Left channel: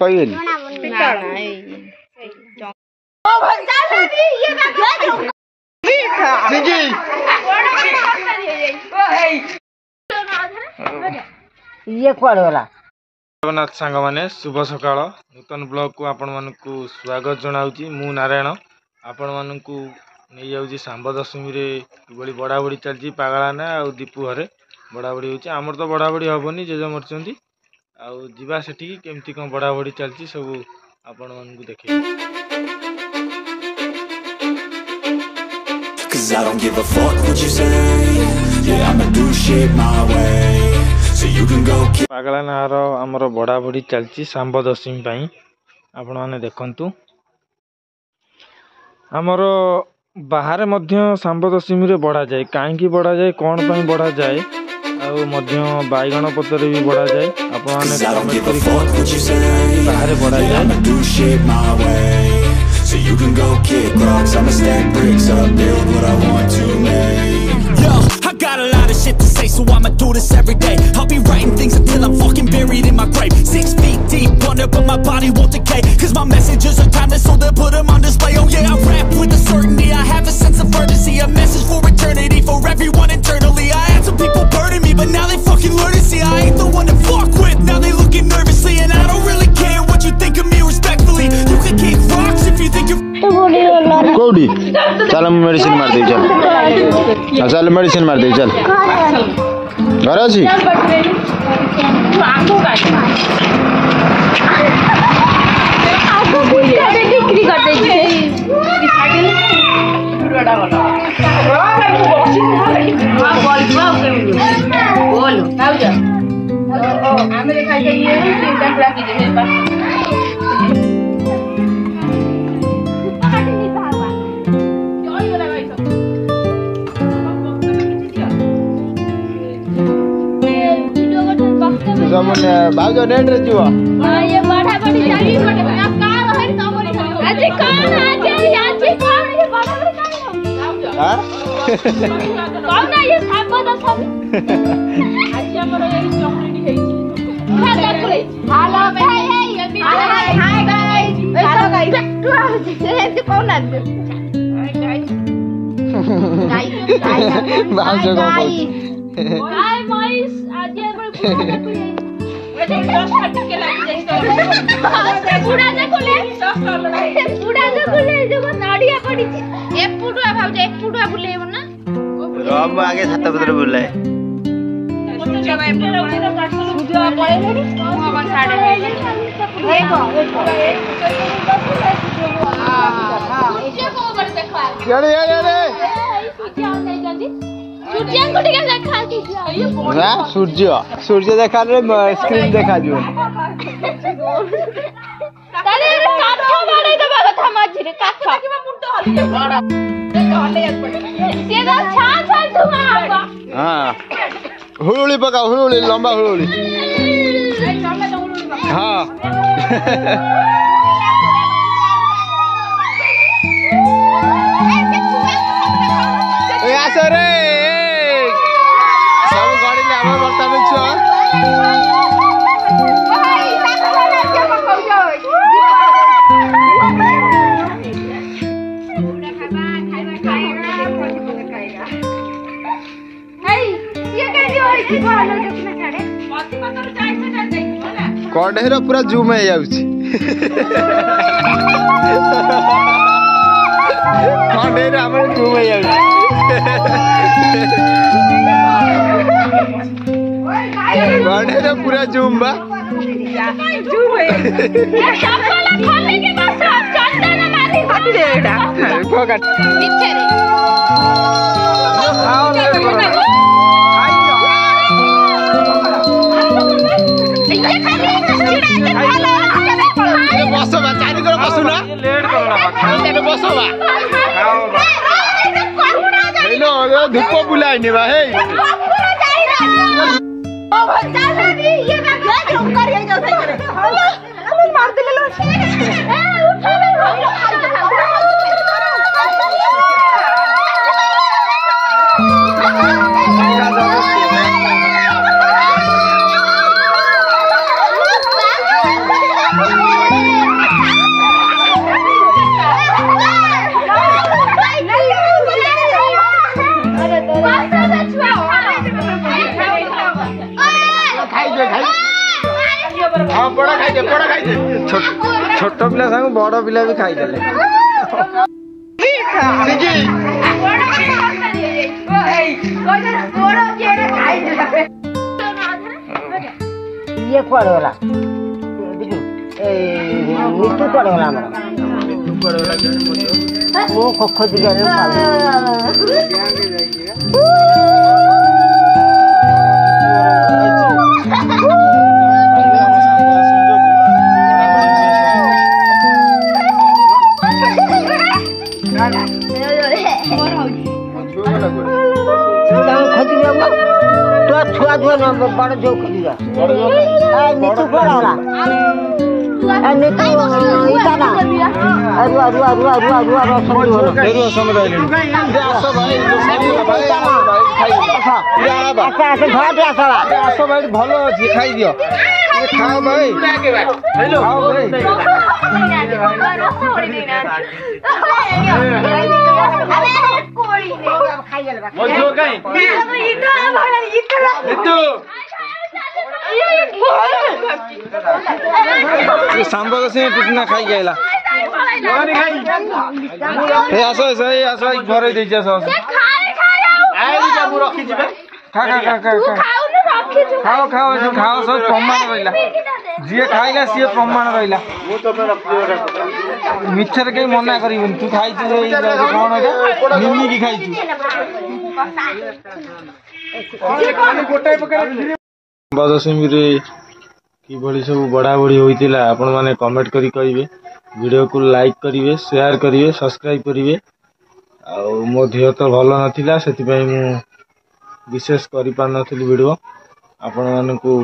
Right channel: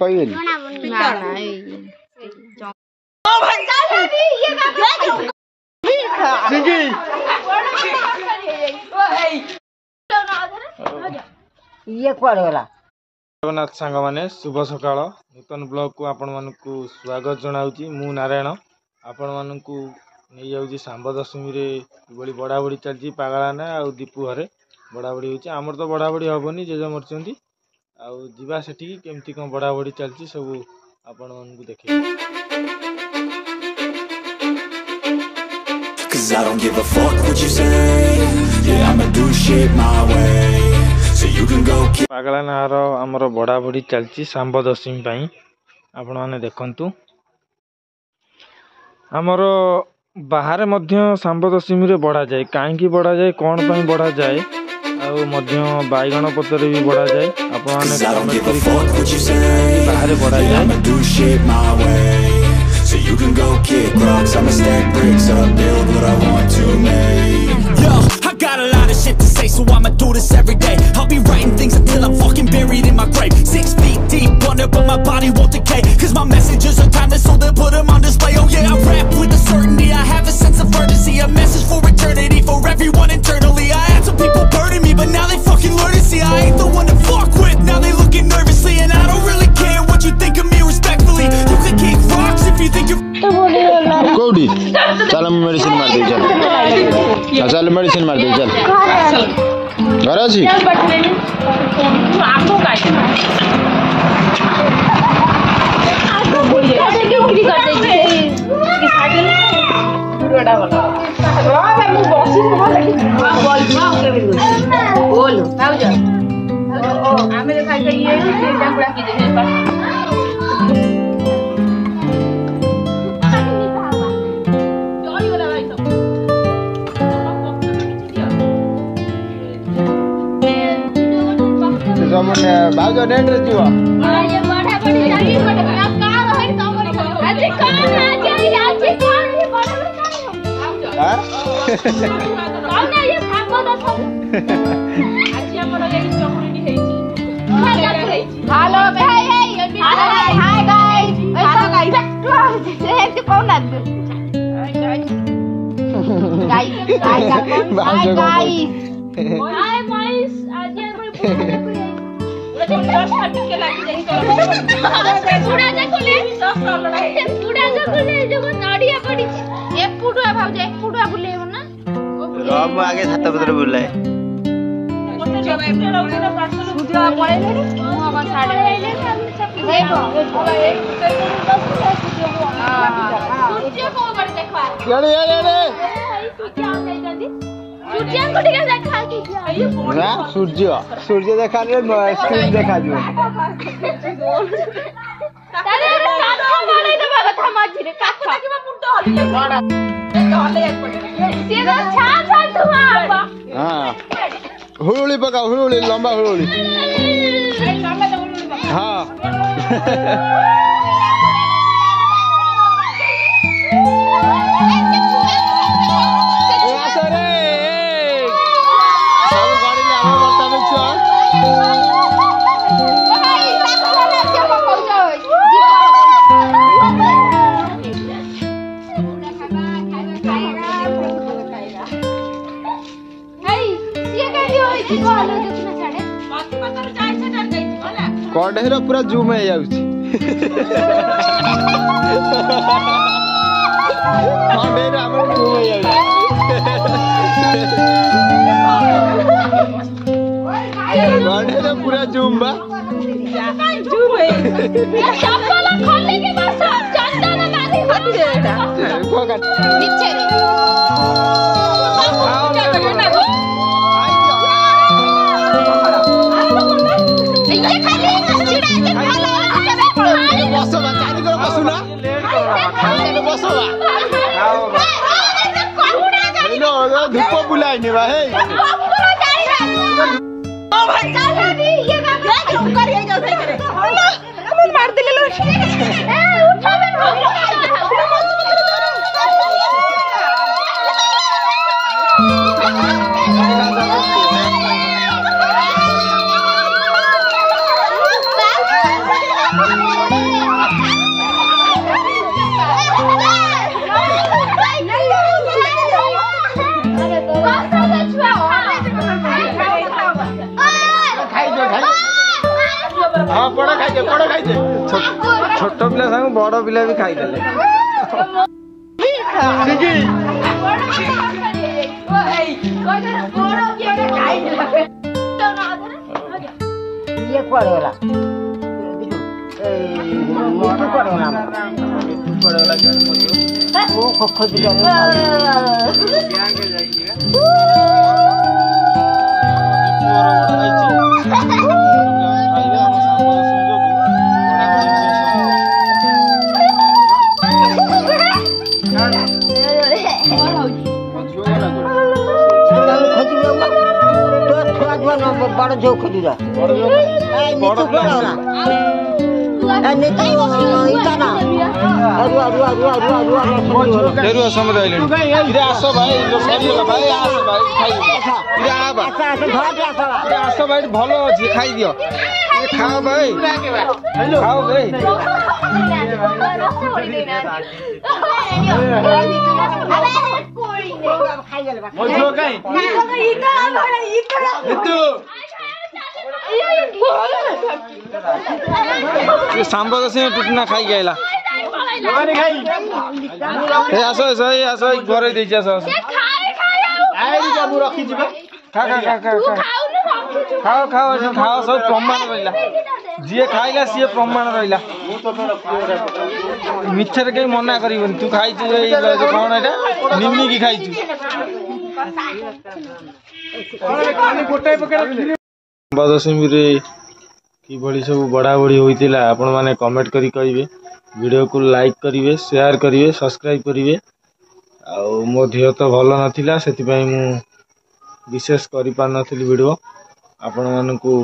କହିବେନି ये कुआडे गला जगन्नाथ सांग माने शुभ सकाळ नूतन ब्लॉग को आपण मानकु स्वागत जनाउची मु नारायण आपण मानकु नहीं जाउची सांब दशमी रे किबळी बडाबडी चलची पागळाना आ दीपू हरे बडाबडी होची हमर तो बडाबडी हबनी जे मरचंती आ जीवा सेठी केमती कोन बडाबडी चलची सब आपण मानकु देखै Cause I don't give a fuck what you say. Yeah, I'ma do shit my way. So you can go kill. पागळाना हर हमर बडाबडी चलची सांब दशमी पई आपण माने देखंतु हमर बाहर मध्य सांब दशमी रे बढ़ा जाए कहीं बढ़ा जाए कौन पर बढ़ा जाए बैगण पतर भी बढ़ा जाए बाहर बढ़ा जाए So you can go kick rocks, I'ma stack bricks up, build what I want to make. Yo, I got a lot of shit to say, so I'ma do this every day. I'll be writing things until I'm fucking buried in my grave. 6 feet deep under, but my body won't decay. Cause my messages are timeless, so they'll put them on display. Oh yeah, I rap with a certainty, I have a sense of urgency. A message for eternity, for everyone internally. I had some people burning me, but now they fucking learn to see I ain't the one to fuck with, now they looking nervously. And I don't really care what you think of me respectfully. You can kick rocks if you think you're कोडी चल medicine मार दे चल चल medicine मार दे चल घर अछि भाउज net रे जीवा ये बड़ा बड़ी जागी बड़ा कार है तमरे आज कार आज हां कौन ये खाबो तो सब आज हमर ये चौकड़ी हेई हेलो भाई ये भी हाय गाइस हेलो गाइस ये कौन आ गाइस भाउज को कहू हाय गाइस आज ये आगे छात पत्र बुलाए सूर्य सूर्य देखा स्क्रीन देखा हाँ हुड़ुली पका हुड़ुली लंबा हुड़ुली हाँ कढ़ेर पूरा जूम हो जाउची कढ़ेर हमर जूम हो जाउची कढ़ेर पूरा जूम बा जूम है चप्पल खोले के बस चंदन मारी फट देटा पकड़ पीछे धूप बुलाने बा हे मार दे छोट पिला सांग बड़ पिला भी खाईदेले ये कुआडे गला मिट्टू कुआडे गला वो खोखो दिया बड़ जो खोली जा मिट्टू कुआडे गला आस भाई आस भाई भल अच्छी खाई दियो खाओ भाई खाओ भाई सांब से टुटना खाई गला आस आस घर दे खा खा खा खा खाओ खाओ खाओ सब प्रमाण रहा जी खाइला सी प्रमाण रहा मिछर कहीं मना कर तू खाई कौन एटा निमिकी खाई दशमी कि सब बढ़ा बढ़ी होता आपण मैंने कमेंट करी करेंगे वीडियो को लाइक करेंगे शेयर करेंगे सब्सक्राइब करेंगे आ मो देह तो भल नाला से विशेष कर पार नी वीडियो आपण मानू